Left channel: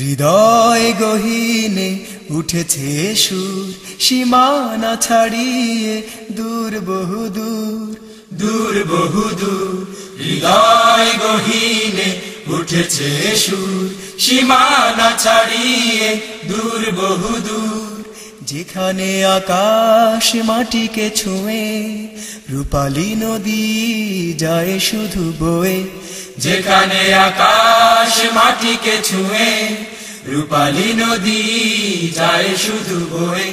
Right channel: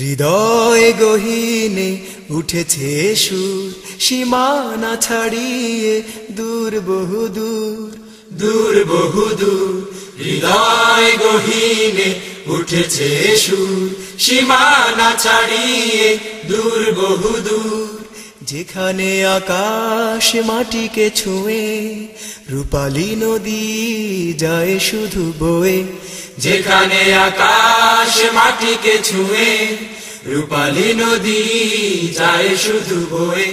হৃদয় গহীনে উঠেছে সুর, সীমানা ছাড়িয়ে দূর বহুদূর, দূর বহুদূর। হৃদয় গহীনে উঠেছে সুর, সীমানা ছাড়িয়ে দূর বহুদূর। যেখানে আকাশ মাটিকে ছুঁয়ে রূপালী নদী যায় শুধু বয়ে, যেখানে আকাশ মাটিকে ছুঁয়ে রূপালী নদী যায় শুধু বয়ে।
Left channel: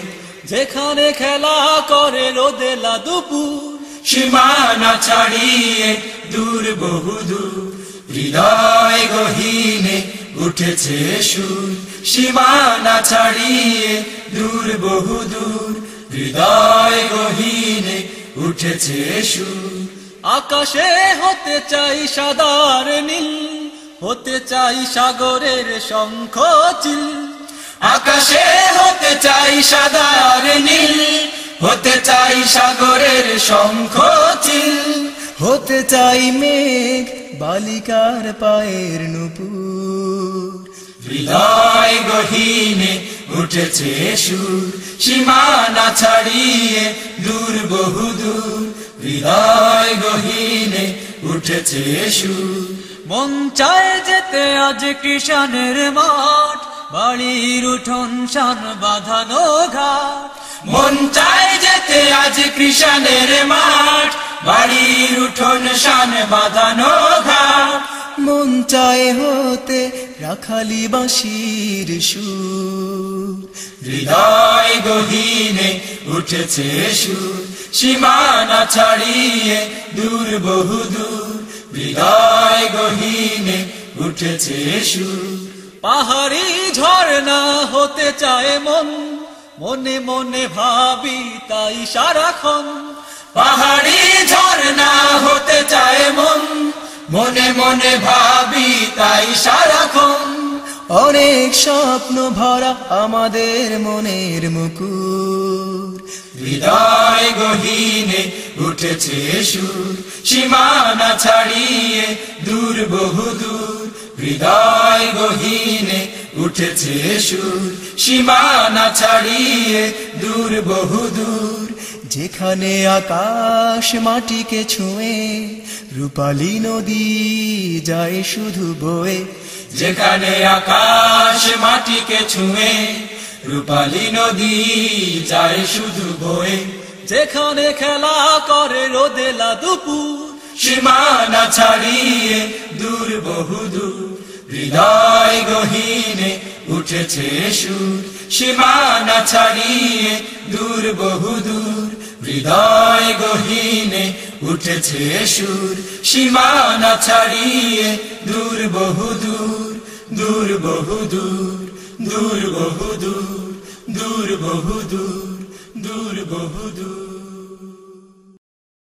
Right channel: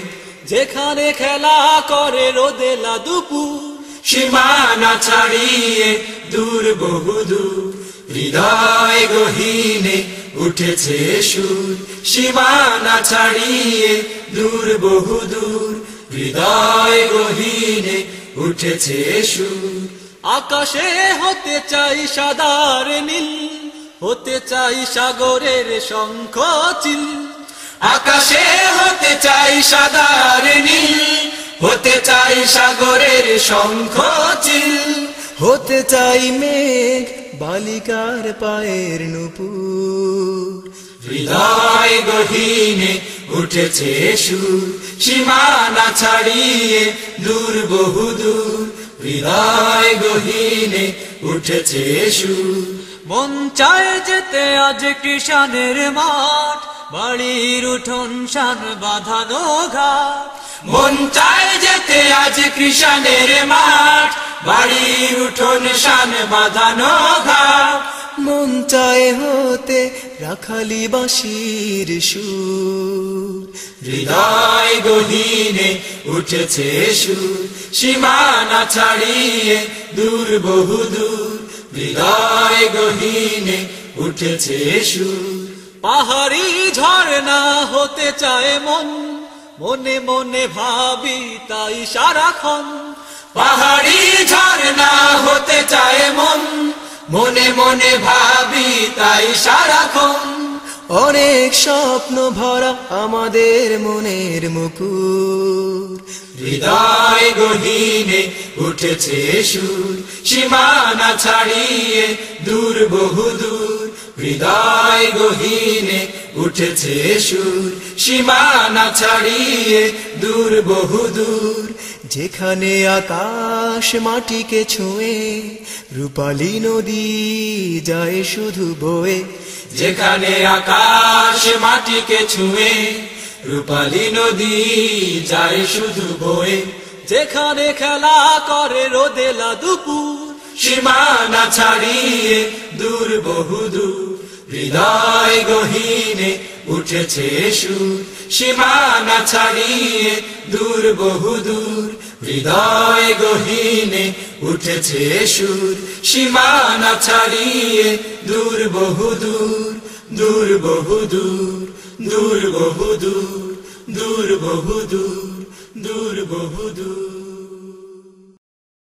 যেখানে খেলা করে রোদেলা দুপুর, সীমানা ছাড়িয়ে দূর বহুদূর। হৃদয় গহীনে উঠেছে সুর, সীমানা ছাড়িয়ে দূর বহুদূর। হৃদয় গহীনে উঠেছে সুর। আকাশে হতে চাই সাদার নীল, হতে চাই সাগরের শঙ্খ চিল। আকাশে হতে চাই সাদার নীল, হতে চাই সাগরের শঙ্খ চিল। হতে চাই মেঘ বালিকার পায়ের নূপুর। হৃদয় গহীনে উঠেছে সুর, সীমানা ছাড়িয়ে দূর বহুদূর। হৃদয় গহীনে উঠেছে সুর। মন চায় যেতে আজ কৃষাণের মাঠ, বাড়ির উঠোন শান বাঁধানো ঘাট। মন চায় যেতে আজ কৃষাণের মাঠ, বাড়ির উঠোন শান বাঁধানো ঘাট। মন চায় হতে রাখালি বাঁশির সুর। হৃদয় গহীনে উঠেছে সুর, সীমানা ছাড়িয়ে দূর বহুদূর। হৃদয় গহীনে উঠেছে সুর। পাহাড়ি ঝর্ণা হতে চায় মন, মনে মনে ভাবি তাই সারাক্ষণ। পাহাড়ি ঝর্ণা হতে চায় মন, মনে মনে ভাবি তাই সারাক্ষণ। অনেক স্বপ্ন ভরা আমাদের মনের মুকুর। হৃদয় গহীনে উঠেছে সুর, সীমানা ছাড়িয়ে দূর বহুদূর। হৃদয় গহীনে উঠেছে সুর, সীমানা ছাড়িয়ে দূর বহুদূর। যেখানে আকাশ মাটিকে ছুঁয়ে রূপালী নদী যায় শুধু বয়ে, যেখানে আকাশ মাটিকে ছুঁয়ে রূপালী নদী যায় শুধু বয়ে। যেখানে খেলা করে রোদেলা দুপুর, সীমানা ছাড়িয়ে দূর বহুদূর। হৃদয় গহীনে উঠেছে সুর, সীমানা ছাড়িয়ে দূর বহুদূর। হৃদয় গহীনে উঠেছে সুর, সীমানা ছাড়িয়ে দূর বহুদূর। দূর বহুদূর, দূর বহুদূর, দূর বহুদূর, দূর বহুদূর।